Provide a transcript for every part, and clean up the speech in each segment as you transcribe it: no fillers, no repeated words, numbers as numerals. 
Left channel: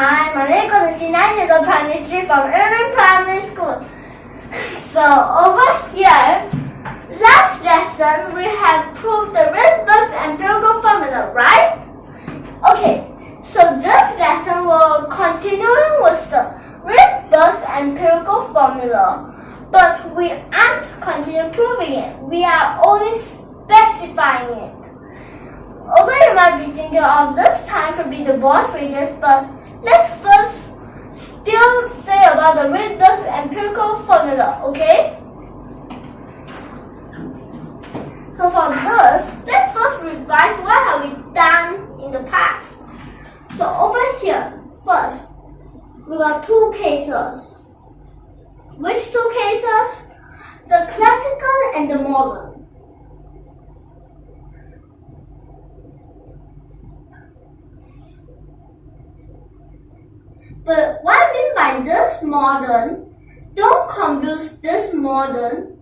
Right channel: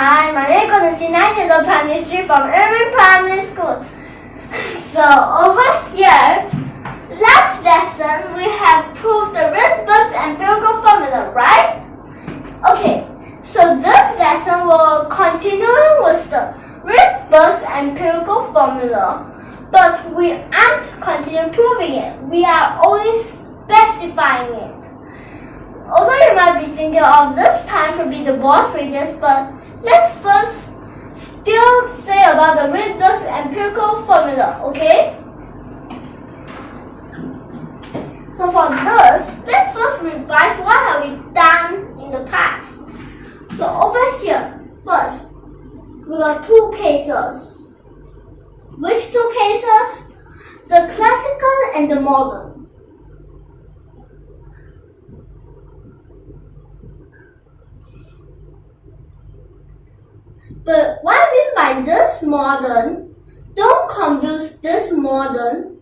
Hi, my name is Guo Chengxi, 9 years old, primary 3 from YUMIN Primary School. So over here, last lesson we have proved the Rydberg's empirical formula, right? Okay, so this lesson will continue with the Rydberg's empirical formula, but we aren't continue proving it. We are only specifying it. Although you might be thinking of this time should be the boss radius, but let's first still say about the Rydberg's empirical formula, okay? So for this, let's first revise what have we done in the past. So over here, first, we got two cases. Which two cases? The classical and the modern. But what I mean by this modern, don't confuse this modern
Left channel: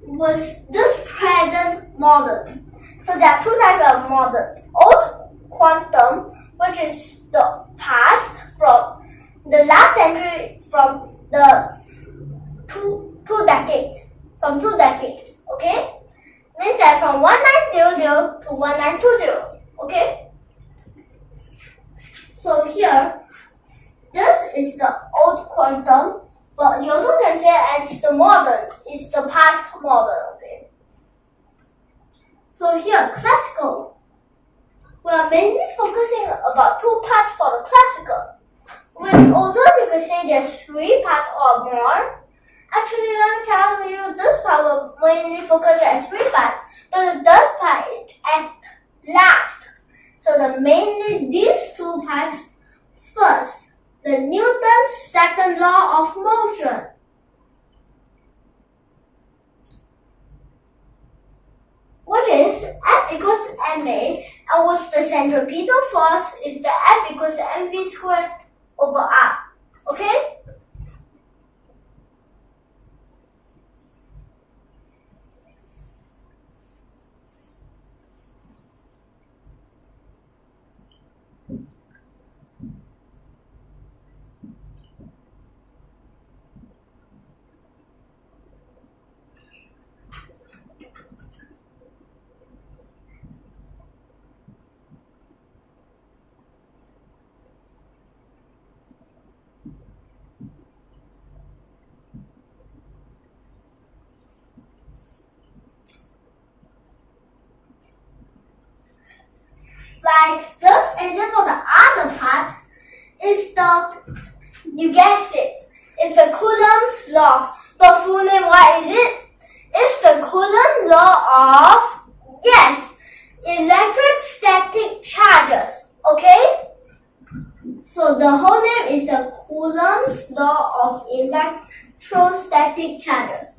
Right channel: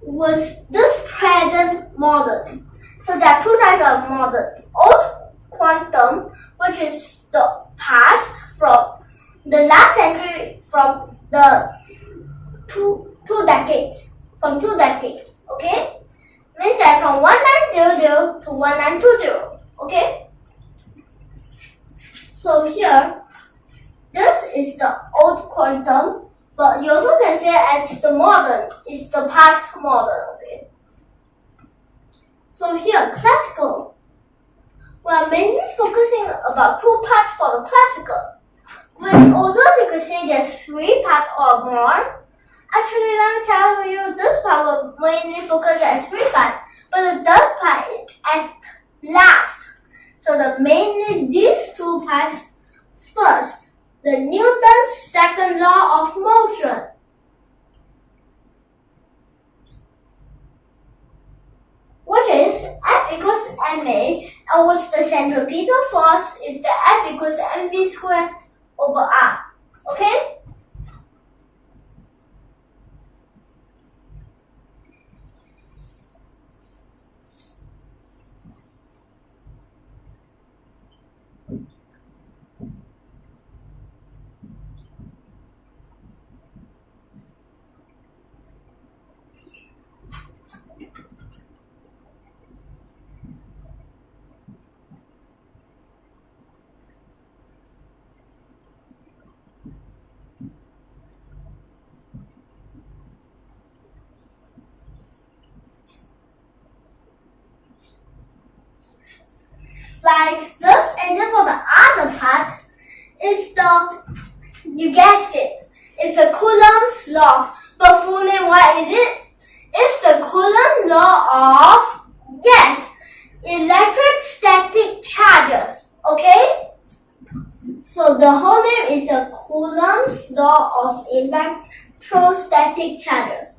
with this present modern. So there are two types of modern. Old quantum, which is the past from the last century, from the two decades, okay? Means that from 1900 to 1920, okay? So here, this is the old quantum, but you also can say as the modern is the past modern, okay? So here, classical. We are mainly focusing about two parts for the classical, which although you could say there's three parts or more, actually let me tell you this part will mainly focus on three parts, but the third part is at last. So mainly these two parts. First, the Newton's second law of motion. Which is F equals ma, and which the centripetal force is the F equals mv squared over r. Okay? Like this, and then for the other part is you guessed it, it's a Coulomb's law. But full name, what is it? It's the Coulomb law of, yes, electrostatic charges, okay? So the whole name is the Coulomb's law of electrostatic charges.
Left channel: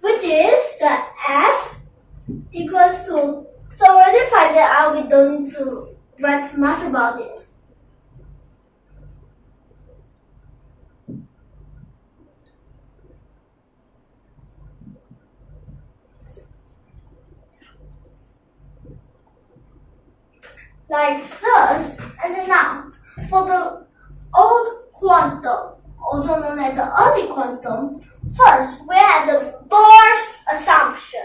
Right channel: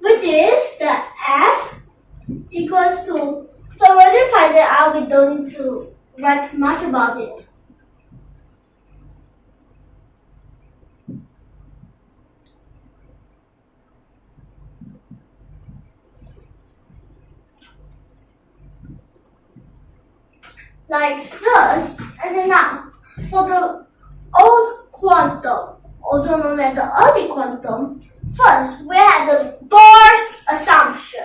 Which is the F equals to, so already find it out, we don't need to write much about it. Like this, and then now, for the old quantum, also known as the early quantum, first we have the Bohr's assumption.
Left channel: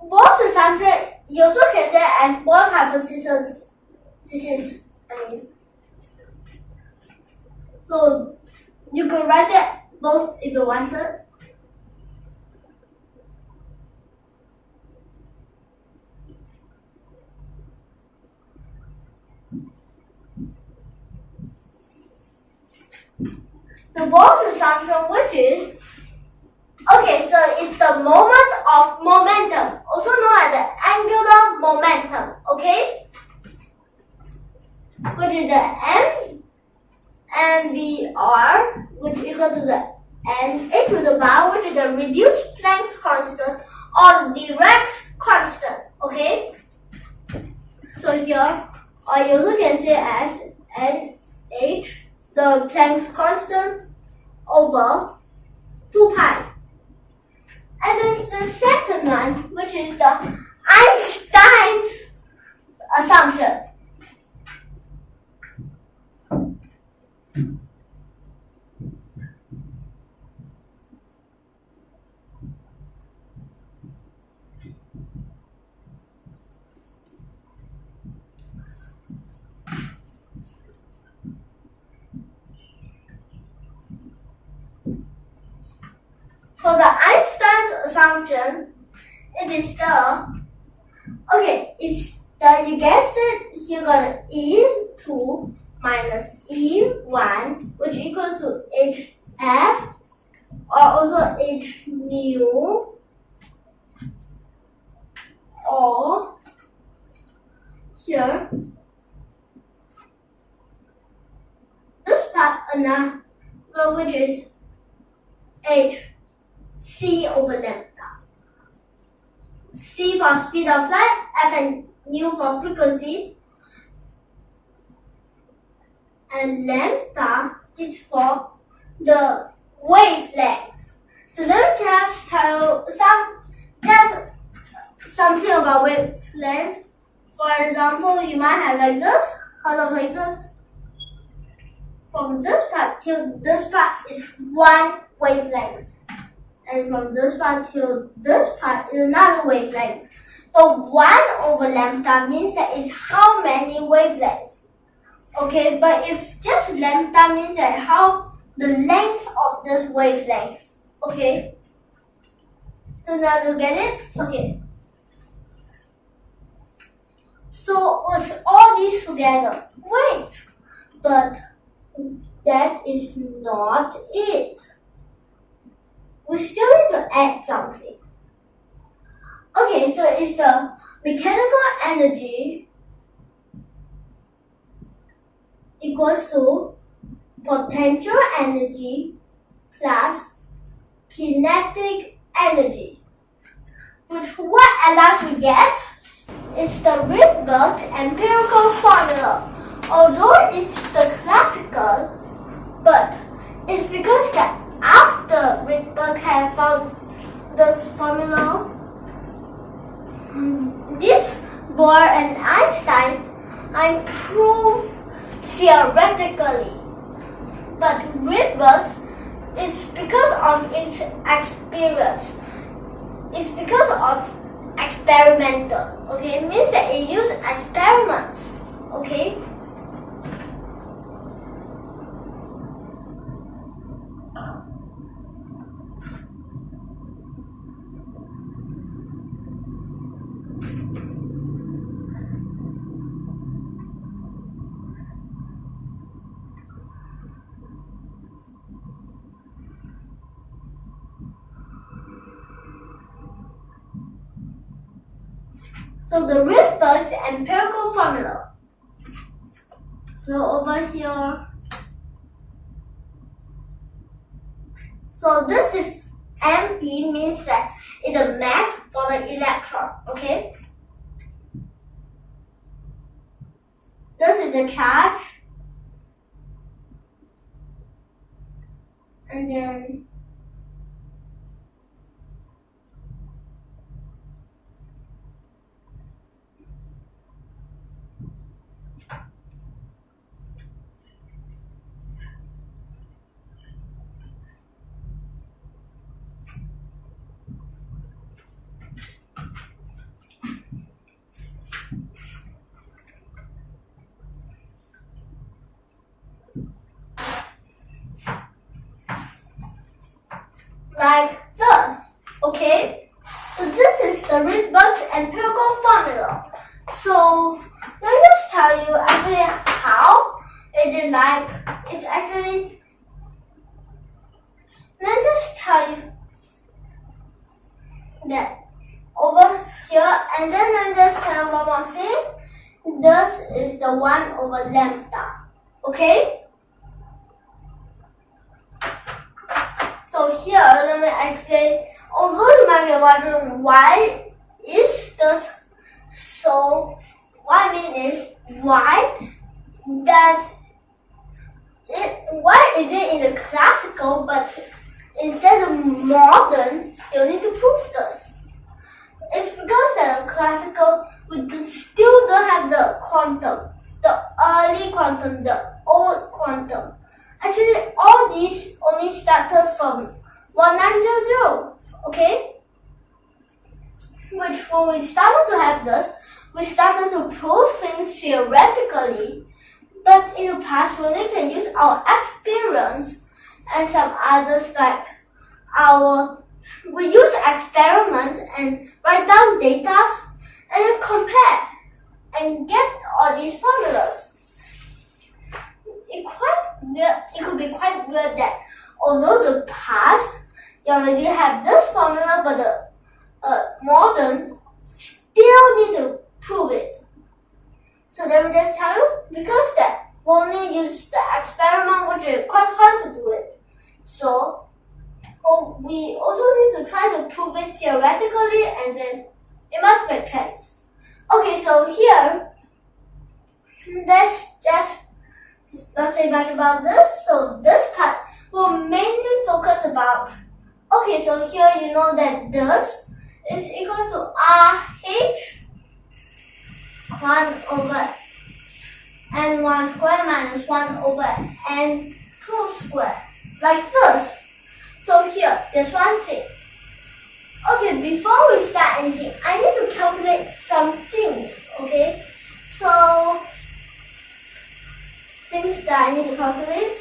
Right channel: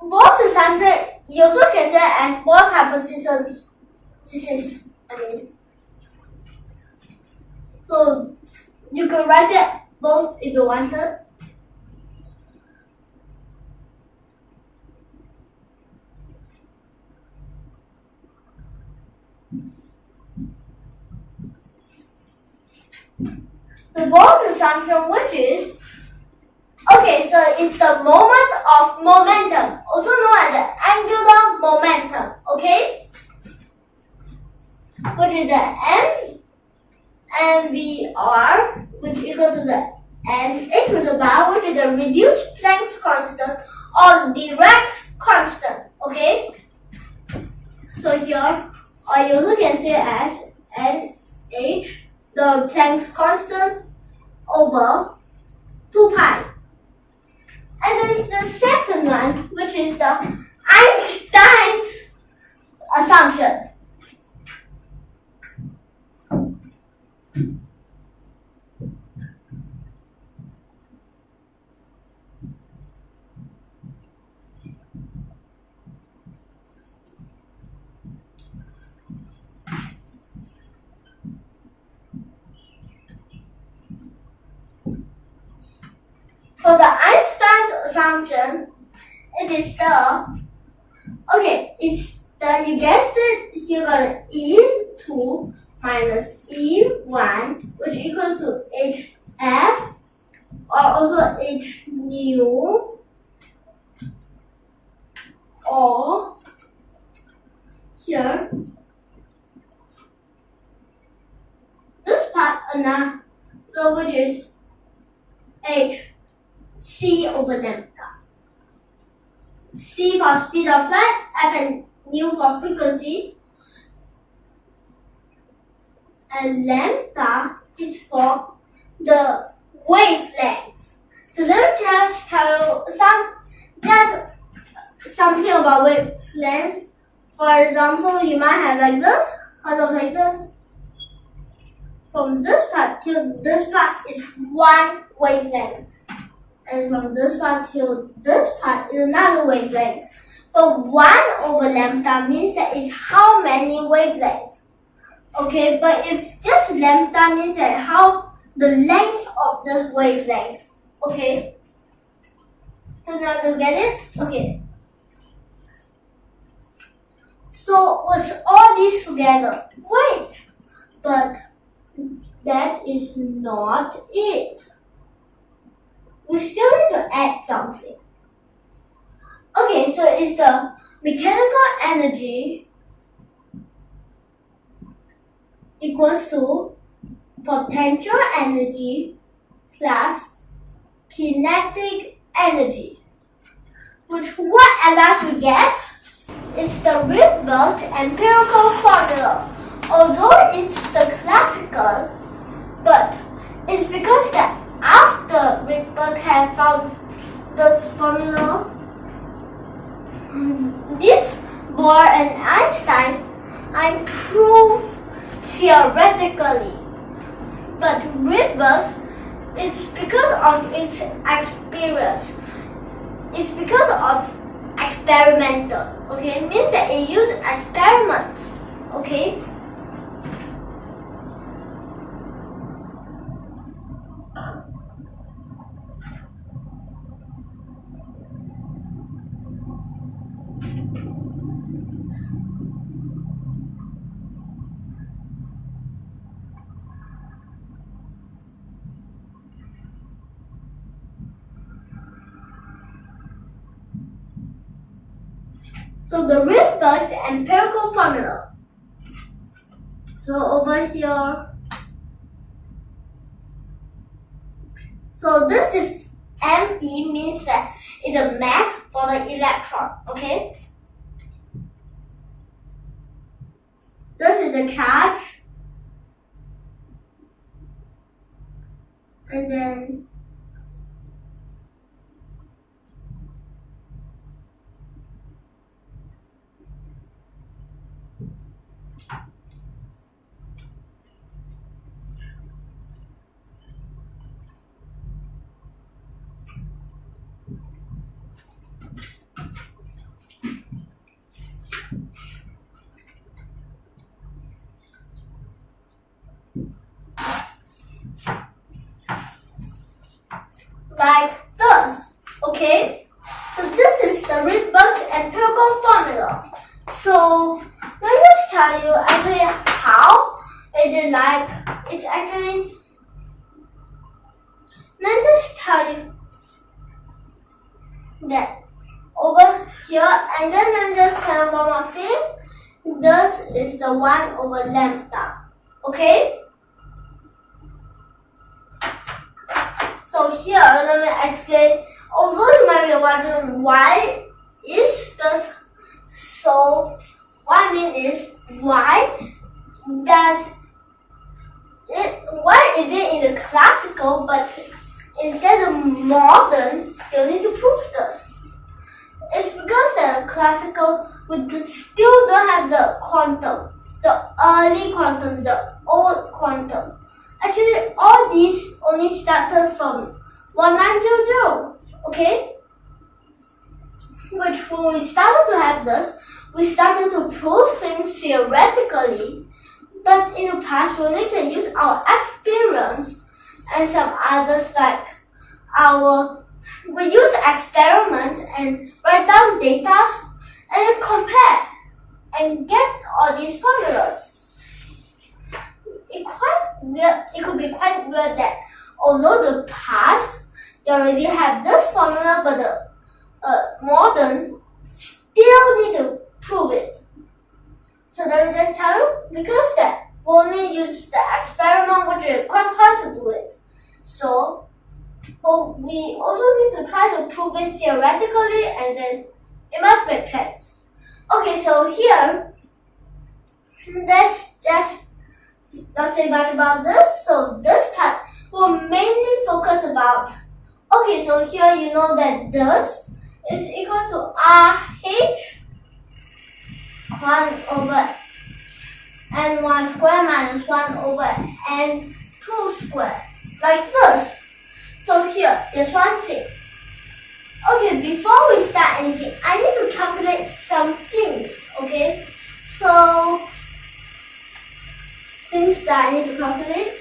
Bohr's assumption you also can say as Bohr's hypothesis could write it both if you wanted. The Bohr's assumption, which is, okay, so it's the moment of momentum, also known as the angular momentum, okay? Which is the mvr, which is equal to the nh to the bar, which is the reduced Planck's constant or Dirac's constant, okay? So here, or you also can say as nh, the Planck's constant, over 2 pi. And there's the second one, which is the Einstein's assumption. For the Einstein's assumption, it is the, okay, it's the, you guessed it, you got E2 minus E1, which equals to HF, or also H nu, or here, this part, another, which is H c over lambda. C for speed of light, F and nu for frequency, and lambda is for the wavelength. So let me tell something about wavelength. For example, you might have like this, like this. From this part till this part is one wavelength. And from this part to this part is another wavelength. But 1 over lambda means that it's how many wavelengths. Okay, but if just lambda means that how the length of this wavelength. Okay. So now to get it? Okay. So what's all these together? Wait, but that is not it. We still need to add something. Okay, so it's the mechanical energy equals to potential energy plus kinetic energy. Which what at last we get is the Rydberg's empirical formula. Although it's the classical, but it's because that after Rydberg had found this formula, this Bohr and Einstein proved theoretically. But Rydberg's, it's because of its experience. It's because of experimental. Okay, it means that it used experiments. Okay. So the Rydberg's empirical formula. So over here. So this is ME means that it's the mass for the electron. Okay. This is the charge. And then like this. Okay? So this is the Rydberg empirical formula. So let me just tell you actually how it is like. It's actually, let me just tell you that over here, and then let me just tell you one more thing. This is the 1 over lambda. Okay? So here, let me explain. Although you might be wondering why is this so, what I mean is why is it in the classical but instead of modern still need to prove this? It's because the classical we still don't have the quantum, the early quantum, the old quantum. Actually, all these only started from 1900, okay? Which when we started to have this, we started to prove things theoretically, but in the past we only can use our experience and some others like we use experiments and write down data and then compare and get all these formulas. It could be quite weird that although the past you already have this formula, but the modern still need to prove it. So let me just tell you, because that we only use the experiment, which is quite hard to do it. So we also need to try to prove it theoretically, and then it must make sense. Okay, so here, let's just not say much about this. So this part will mainly focus about, okay, so here you know that this is equal to RH 1 over n1 square minus 1 over n2 square, like this. So here, there's one thing. Okay, before we start anything, I need to calculate some things, okay? So, things that I need to calculate.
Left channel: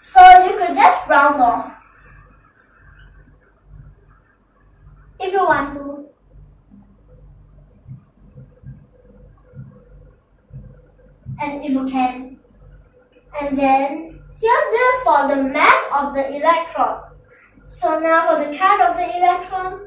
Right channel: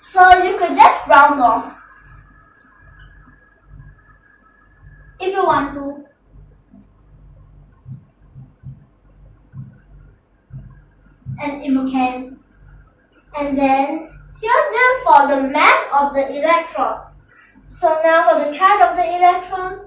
So you could just round off if you want to. And if you can. And then here therefore the mass of the electron. So now for the charge of the electron.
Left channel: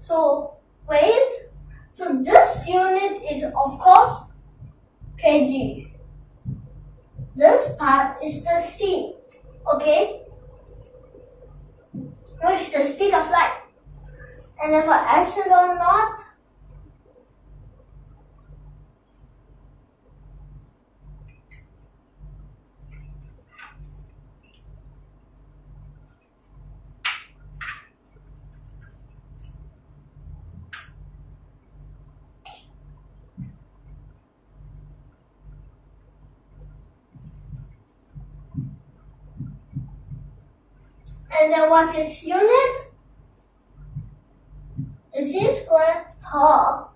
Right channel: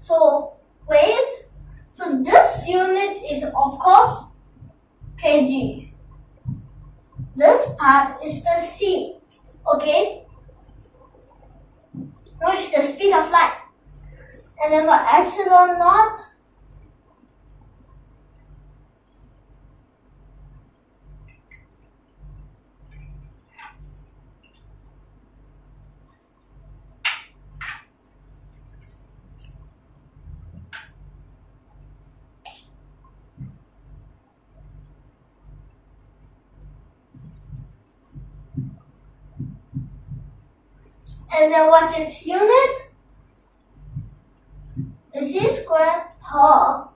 So wait, so this unit is of course kg. This part is the c, okay, which is the speed of light. And then for epsilon naught, and then what's its unit? Is c squared per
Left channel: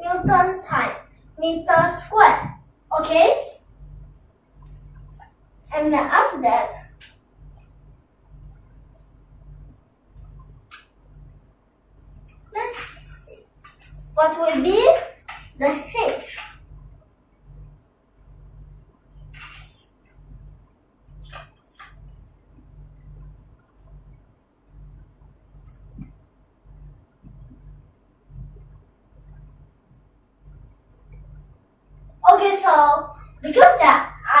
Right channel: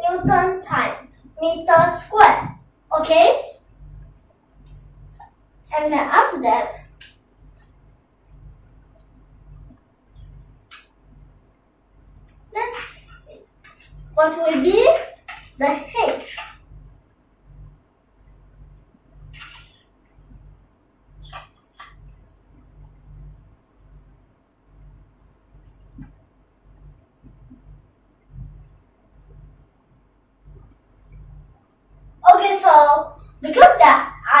Newton times meter squared, okay? And then after that, let's see, what will be the h?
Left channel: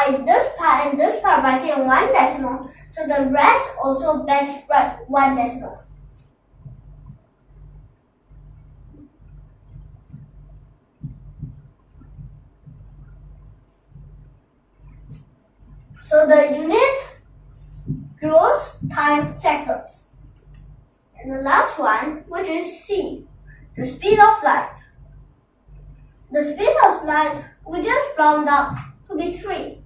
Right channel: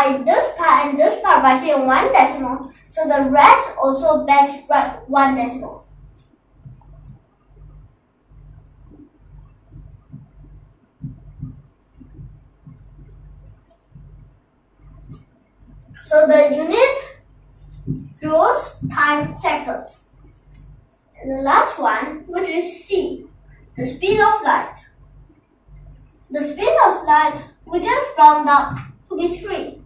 multiply this part and this part by 1 decimal, so the rest also best write 1 decimal. So the unit joules times seconds. And the last one, which is C, the speed of light. The speed of light we just round up to be 3,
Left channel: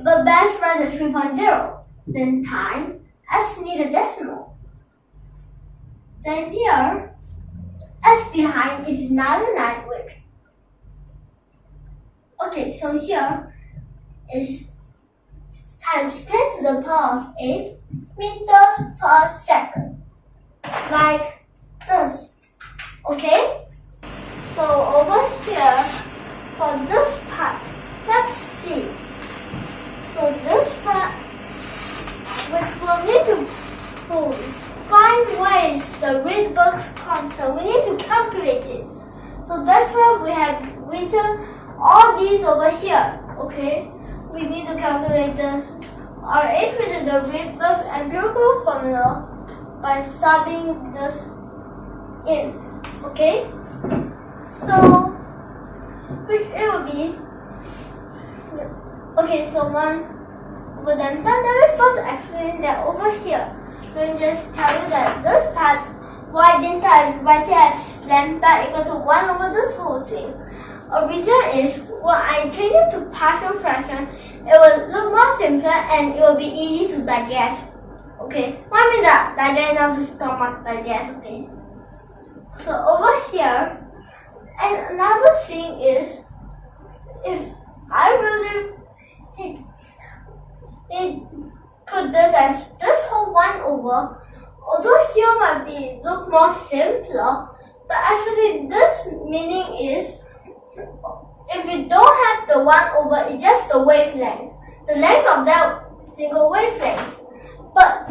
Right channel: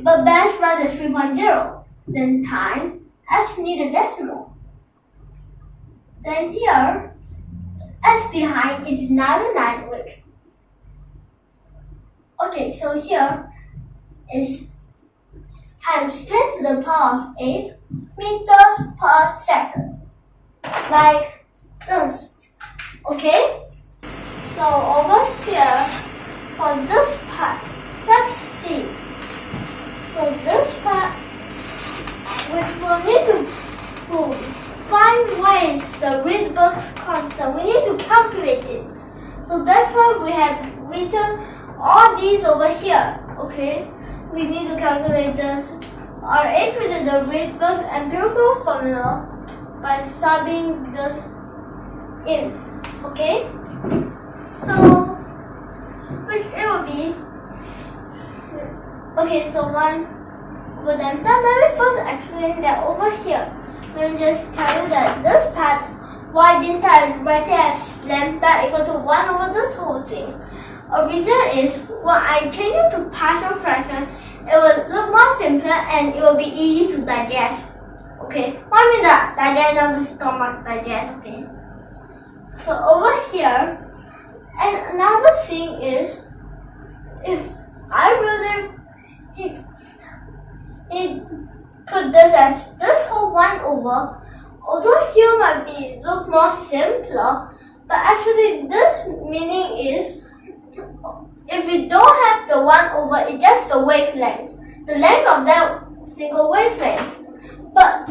but best write as 3.0. Then times S need a decimal. Then here, S behind is another language. Okay, so here is times 10 to the power of 8 meters per second. Like this. Okay? So over here, for this part, let's see. For this part, which we'll need to find where is the Rydberg constant. We need to calculate it. So that's why we have written all these over here. Okay? We need to calculate this. Or include the Rydberg empirical formula by subbing this in. Okay? So, which it will be. Okay, so one over them. Then let me first explain that over here. Let me just tell you that this part, why didn't I write it as lambda equal to 1 over this whole thing? A reason is when I change it to partial fraction, it will look more simpler and it will be easy to digest. Okay, one minute digest now the stomach digest. Okay. So over here, and another thing is, if I really put this as this whole 1 over, although here might be look more simpler, but actually this meaning is, if you don't have the 1 over, it's just the wavelength, the length of that single wavelength. But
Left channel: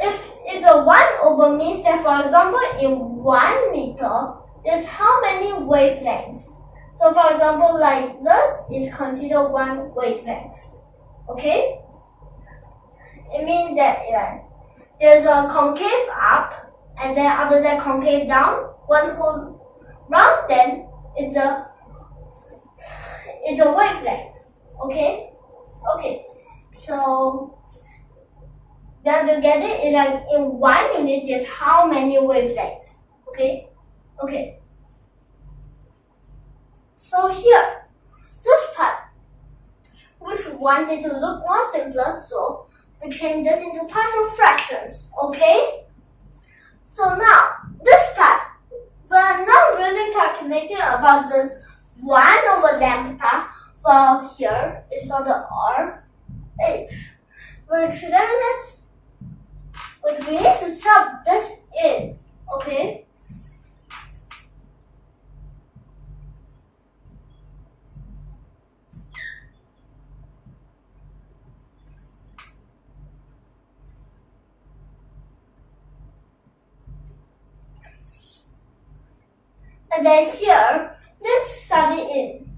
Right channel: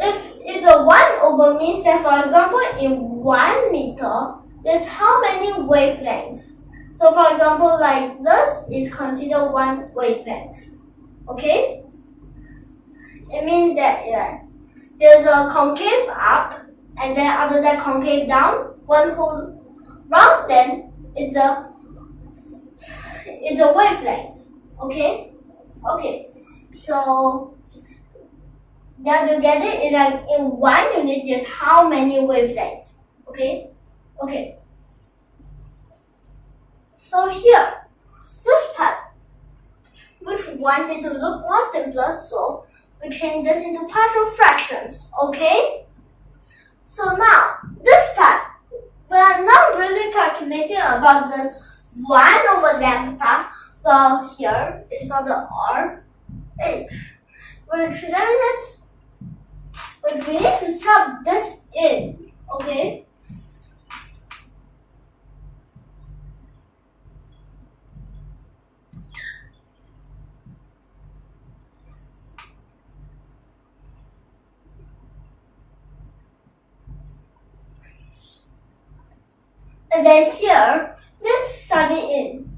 if it's a 1 over means that, for example, in 1 meter, there's how many wavelengths? So for example, like this is considered 1 wavelength. Okay? It means that there's a concave up, and then after that concave down, one whole round, then it's a wavelength. Okay? Okay. So then to get it, is like in 1 unit, there's how many wavelengths? Okay? Okay. So here, this part, which we wanted to look more simpler, so we change this into partial fractions. Okay? So now, this part, we are not really calculating about this 1 over lambda. Well, here is for the RH. Which we need to sub this in. Okay? And then here, let's sub it in.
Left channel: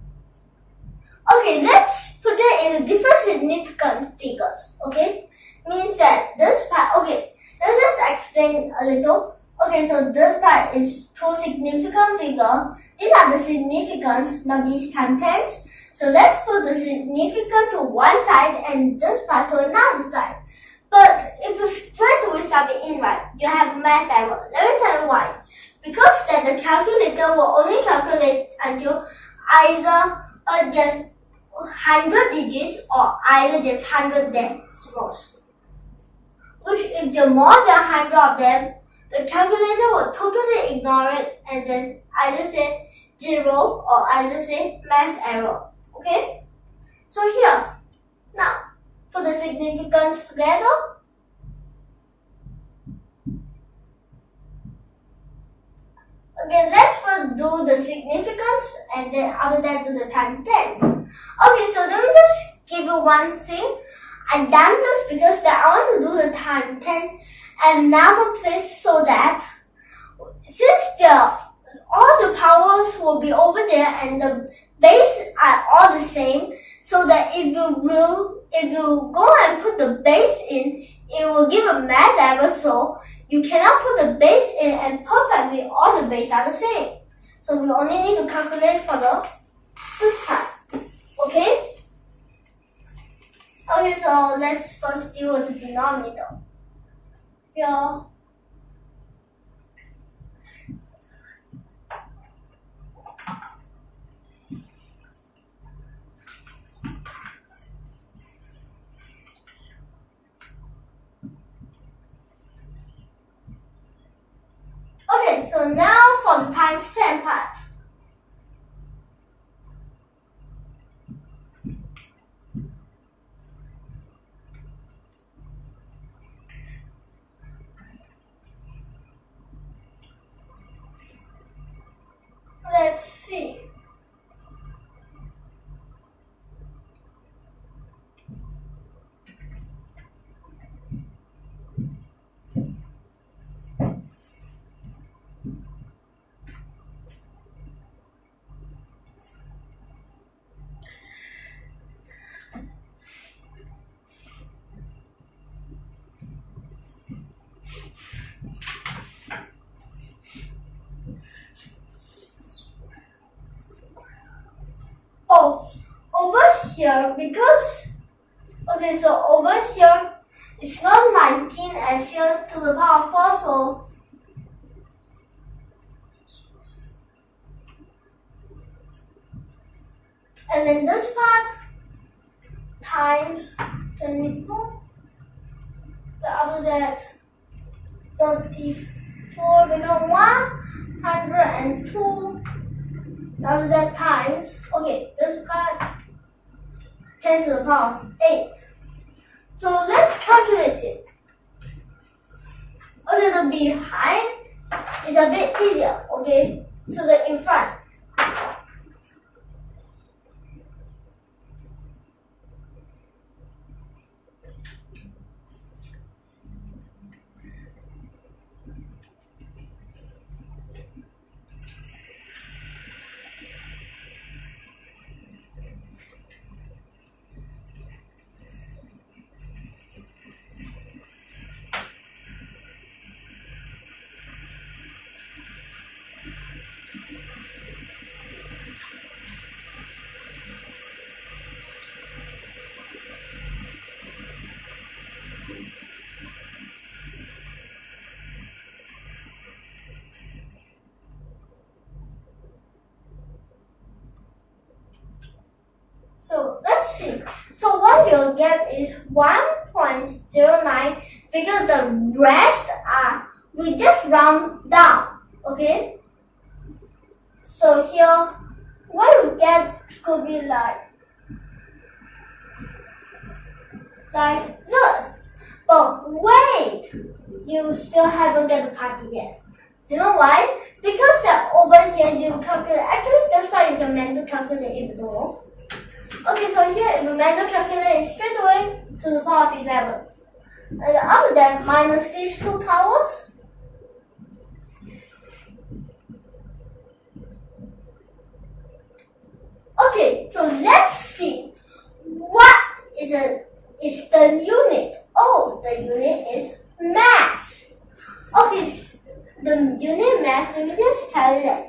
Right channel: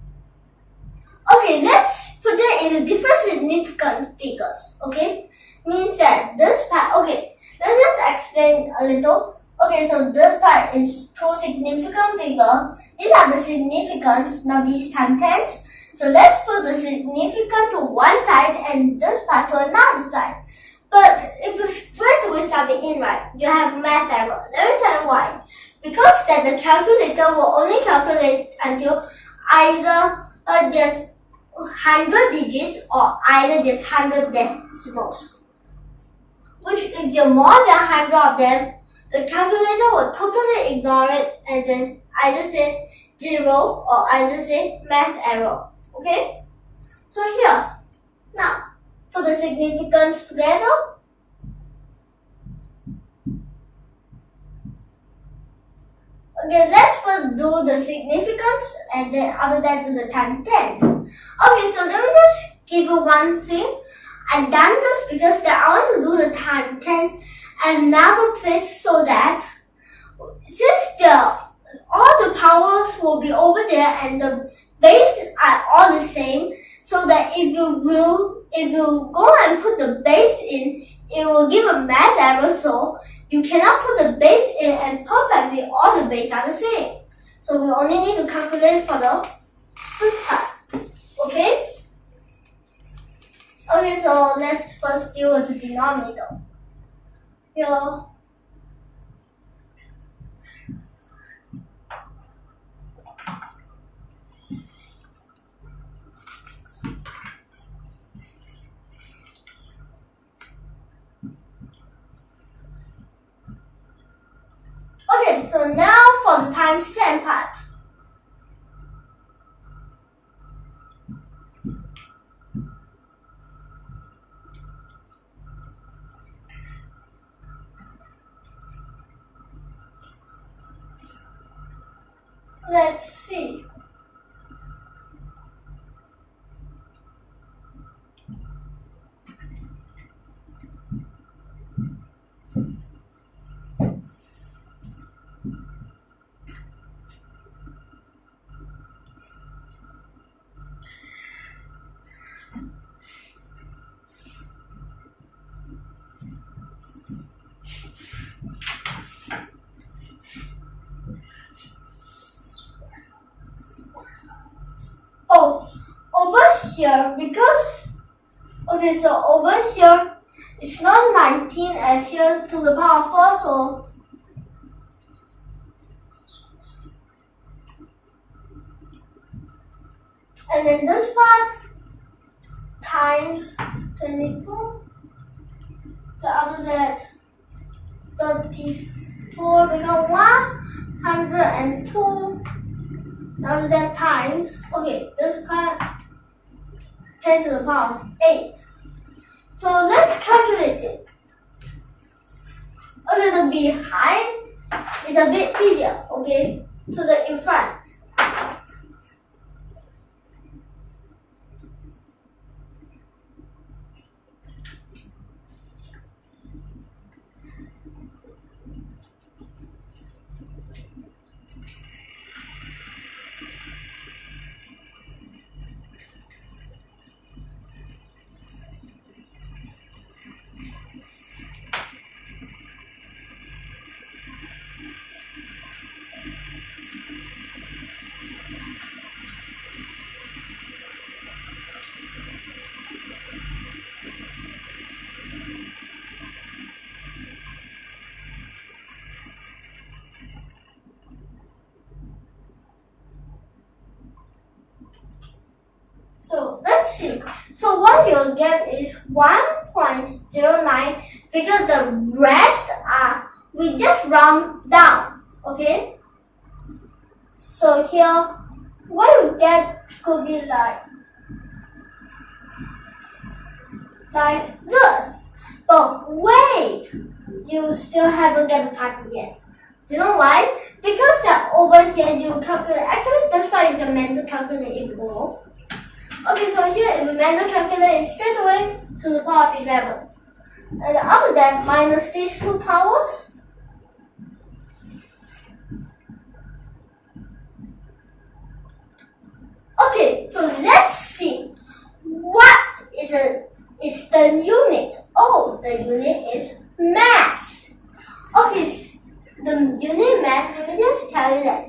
Okay, let's put it into different significant figures. Okay? Means that this part, okay, let's just explain a little. Okay, so this part is 2 significant figures. These are the significants, now these times 10. So let's put the significant to one side and this part to another side. But if you straight away sub it in, right, you have math error. Let me tell you why. Because that the calculator will only calculate until either there's 100 digits or either there's 100 decimals. Which if there are more than 100 of them, the calculator will totally ignore it and then either say 0 or either say math error. Okay? So here, now, put the significance together. Okay, let's first do the significance and then after that do the times 10. Okay, so let me just give you one thing. I've done this because that I want to do the time 10 at another place so that since all the powers will be over there and the base are all the same, so that if you go and put the base in, it will give a math error, so you cannot put the base in and perfectly all the bases are the same. So we only need to calculate for this part. Okay? Okay, so let's first deal with the denominator. Here. Okay, so now for the times 10 part. Let's see. Oh, over here, because, okay, so over here, it's not 19 as here to the power of 4, so, and then this part, times 24, so after that, 34 become 102, after that times, okay, this part 10 to the power of 8. So let's calculate it. Okay, the behind is a bit easier, okay, to the in front. So let's see. So what you'll get is 1.09 because the rest are, we just round down, okay? So here, what you get could be like this. But wait, you still haven't get the part yet. Do you know why? Because that over here you calculate, actually that's why you can manually calculate if you don't know. Okay, so here if you manually calculate it straight away to the power of 11. And after that, minus these two powers. Okay, so let's see. What is the unit? Oh, the unit is mass. Okay, the unit mass, let me just tell you that.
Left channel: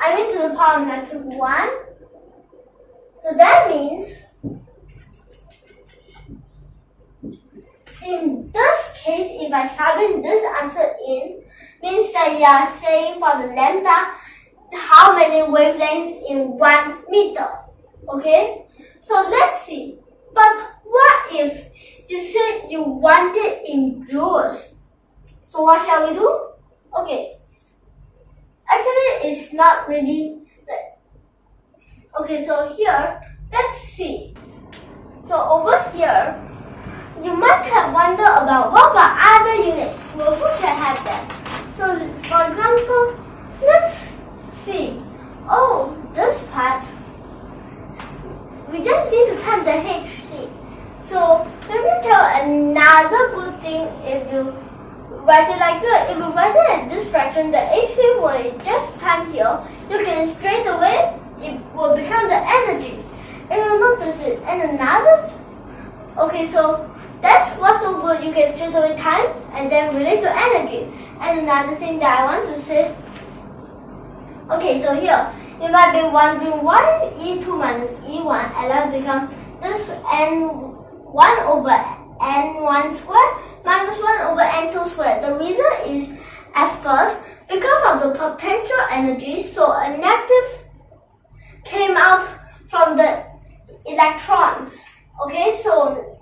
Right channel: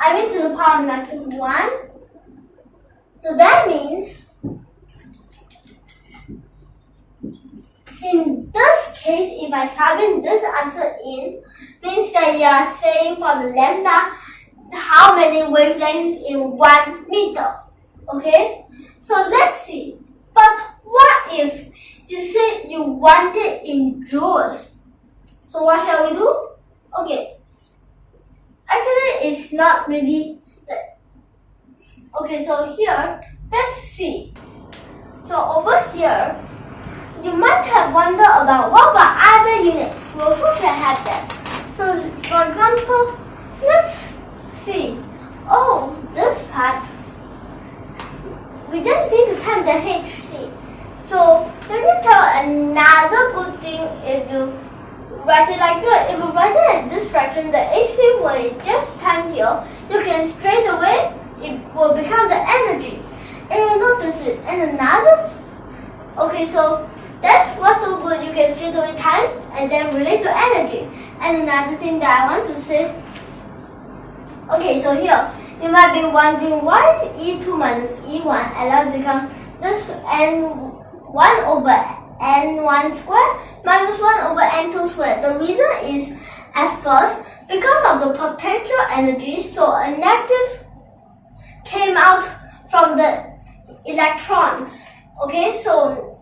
I mean to the power of -1. So that means, in this case, if I submit this answer in, means that you are saying for the lambda, how many wavelengths in 1 meter, okay? So let's see. But what if you said you want it in joules? So what shall we do? Okay. Actually, it's not really. Okay, so here, let's see. So over here, you might have wondered about what about other units? Well, who can have that? So, for example, let's see. Oh, this part, we just need to times the HC. So, let me tell another good thing if you write it like that. If you write it at this fraction, the HC will just times here. You can straight away, it will become the energy. And you know the And another, okay, so that's what's so good. You can straight away times and then relate to energy. And another thing that I want to say, okay, so here, you might be wondering why E2 minus E1 allows become this N1 over N1 square minus 1 over N2 square. The reason is, at first, because of the potential energy, so a negative came out from the electrons. Okay, so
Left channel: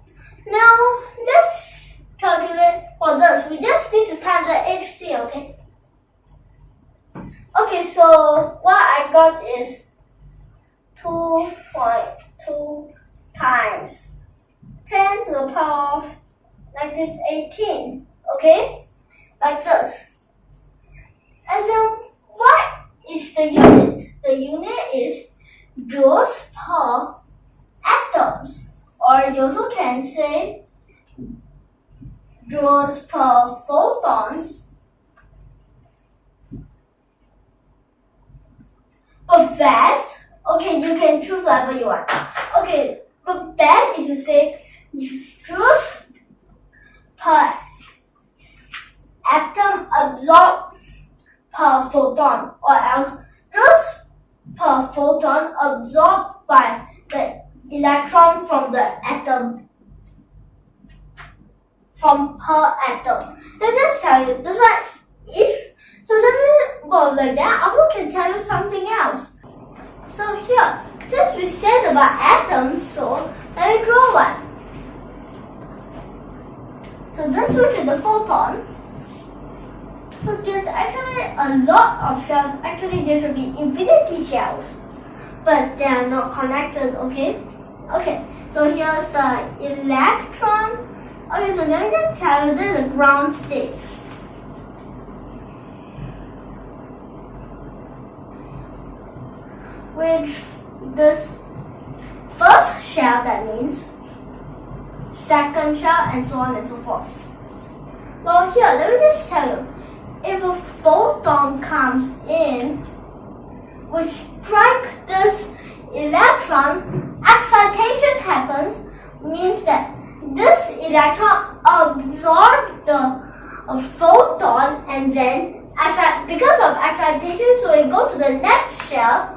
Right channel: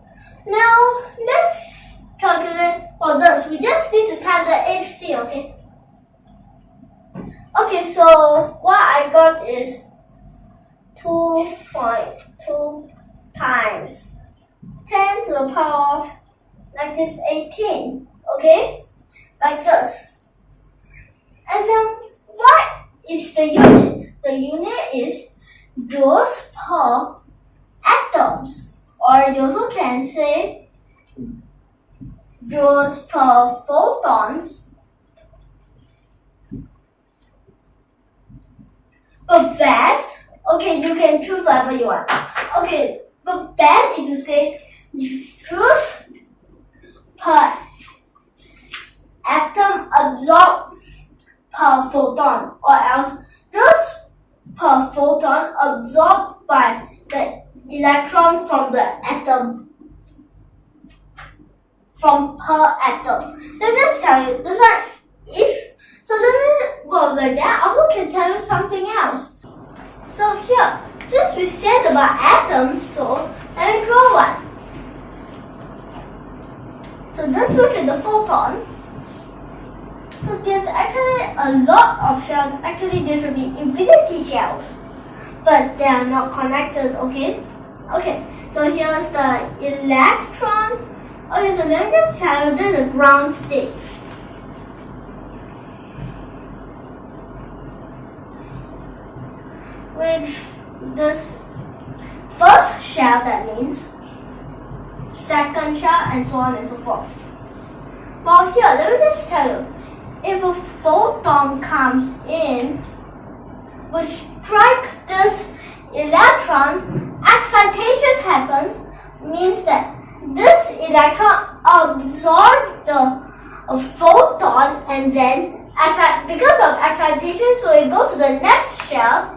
now let's calculate for this. We just need to times the HC, okay? Okay, so what I got is 2.2 times 10 to the power of negative 18, okay? Like this. And then what is the unit? The unit is joules per atoms. Or you also can say joules per photons. But best, okay, you can choose whatever you want. Okay, but best is to say joules per atom absorbed per photon, or else joules per photon absorbed by the electron from the atom. From per atom. Let me just tell you, this one if so let me go like that. I also can tell you something else. So here, since we said about atoms, so let me draw one. So this which is the photon. So there's actually a lot of shells. Actually, there should be infinity shells, but they are not connected. Okay. Okay. So here's the electron. Okay. So let me just tell you this is the ground state. Which this first shell, that means second shell, and so on and so forth. Well, here, let me just tell you. If a photon comes in, which strikes this electron, excitation happens, means that this electron absorbs the photon, and then because of excitation, so it goes to the next shell.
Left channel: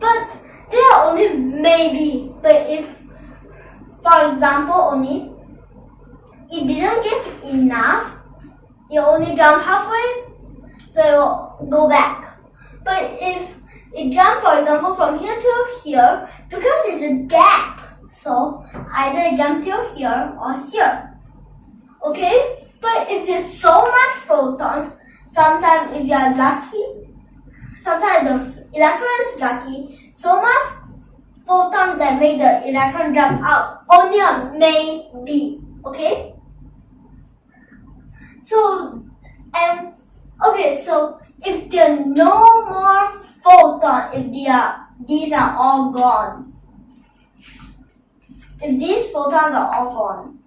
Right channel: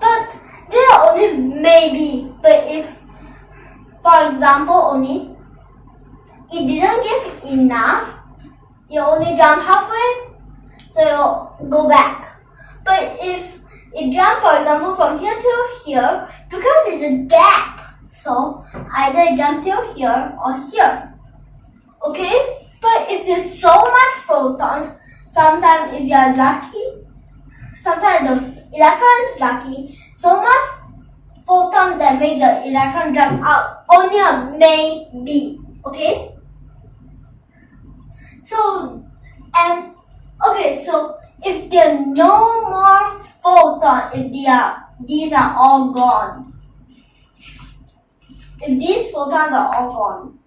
But there are only maybe. But if, for example, only it didn't give enough, it only jumped halfway, so it will go back. But if it jumped, for example, from here to here, because it's a gap, so either it jumped till here or here. Okay? But if there's so much photons, sometimes if you are lucky, sometimes the electron is lucky, so much photons that make the electron jump out. Only a maybe. Okay? So, okay, so if there are no more photons, if these are all gone, if these photons are all gone,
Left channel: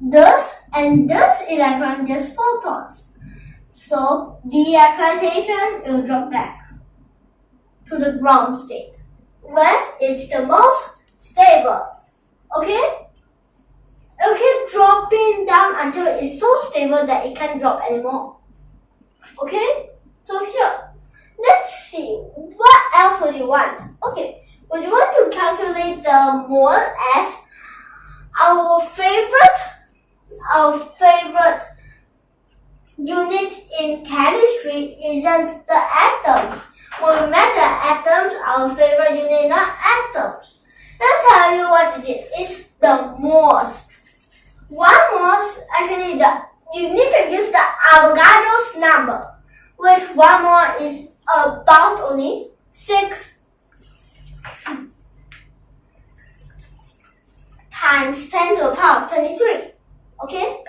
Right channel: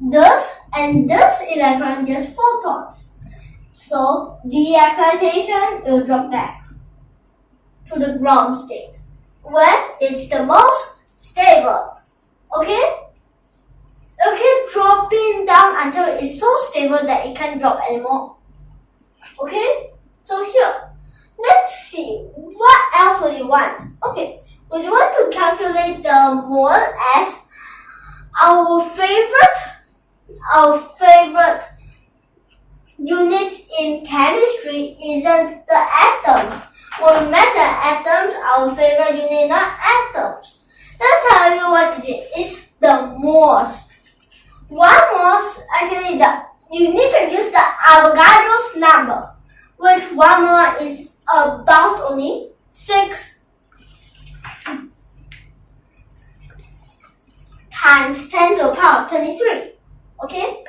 this and this electron gets photons. So the excitation will drop back to the ground state when it's the most stable. Okay? Okay, dropping down until it's so stable that it can't drop anymore. Okay? So here, let's see. What else would you want? Okay, would you want to calculate the mole as our favorite unit in chemistry isn't the atoms. When we met the atoms, our favorite unit is not atoms. Let me tell you what it is. It's the moles. 1 mole, actually, you need to use the Avogadro's number, which 1 mole is about only 6 times 10 to the power of 23. Okay?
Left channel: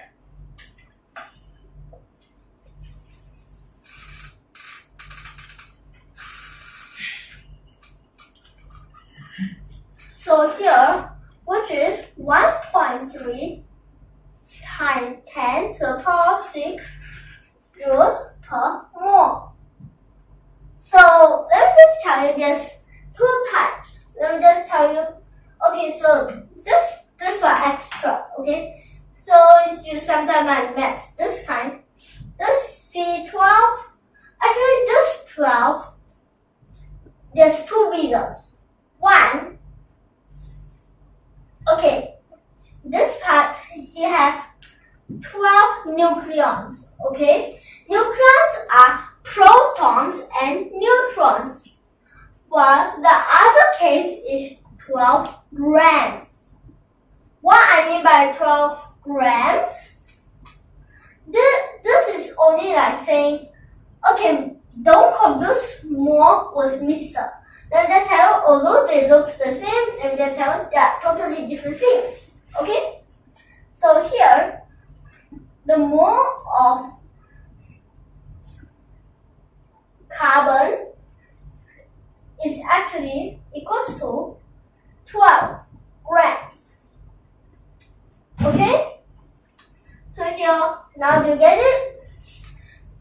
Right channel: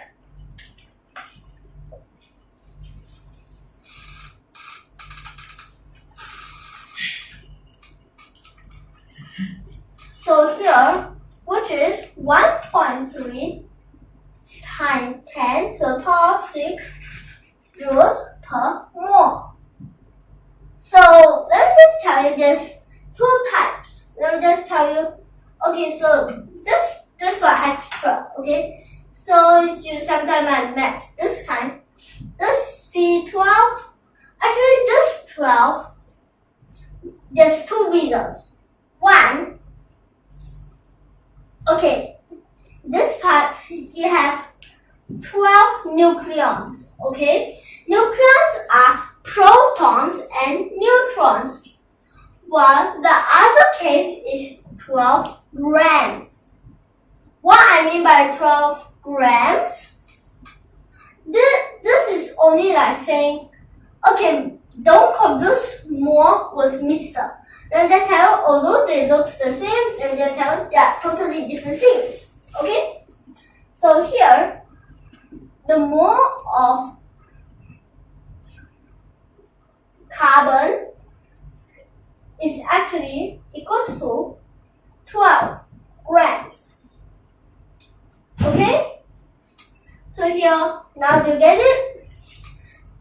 So here, which is 1.3 times 10 to the power of 6 joules per mole. So let me just tell you there's 2 types. Let me just tell you. Okay, so this for extra, okay? So you sometimes might math this kind. This C12, actually this 12, there's two reasons. One, okay, this part you have 12 nucleons, okay? Nucleons are protons and neutrons, while the other case is 12 grams. What I mean by 12 grams, this is only like saying, okay, don't confuse more with Mr. Then they tell, although they look the same, and they tell they are totally different things, okay? So here, the mole of carbon is actually equals to 12 grams. Okay? So here, now do you get it?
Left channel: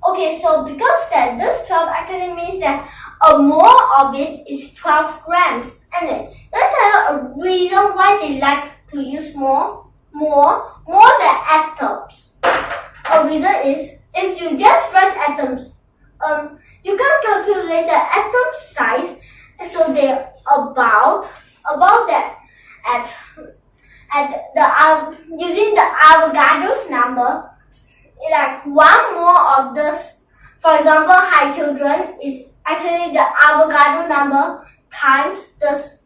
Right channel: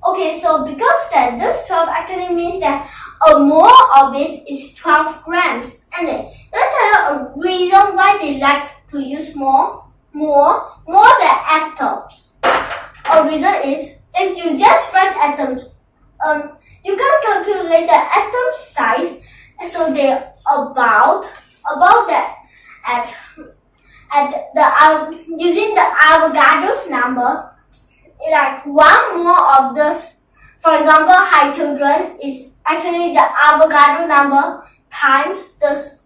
Okay, so because that this 12 actually means that a mole of it is 12 grams. And then let's tell you a reason why they like to use more than atoms. A reason is if you just write atoms, you can calculate the atom size, and so they're about that at the using the Avogadro's number, like one more of this. For example, hydrogen is actually the Avogadro number times this.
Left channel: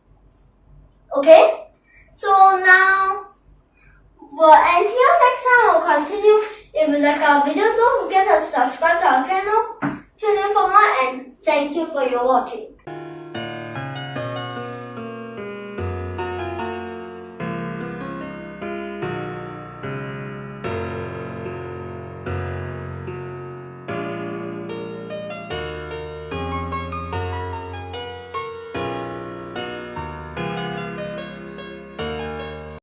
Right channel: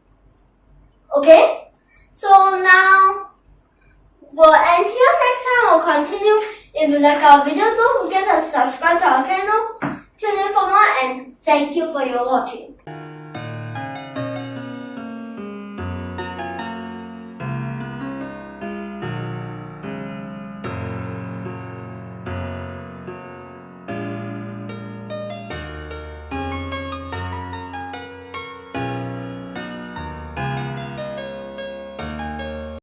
Okay, so now we'll end here. Next time we'll continue. If you like our video, don't forget to subscribe to our channel. Tune in for more, and thank you for your watching.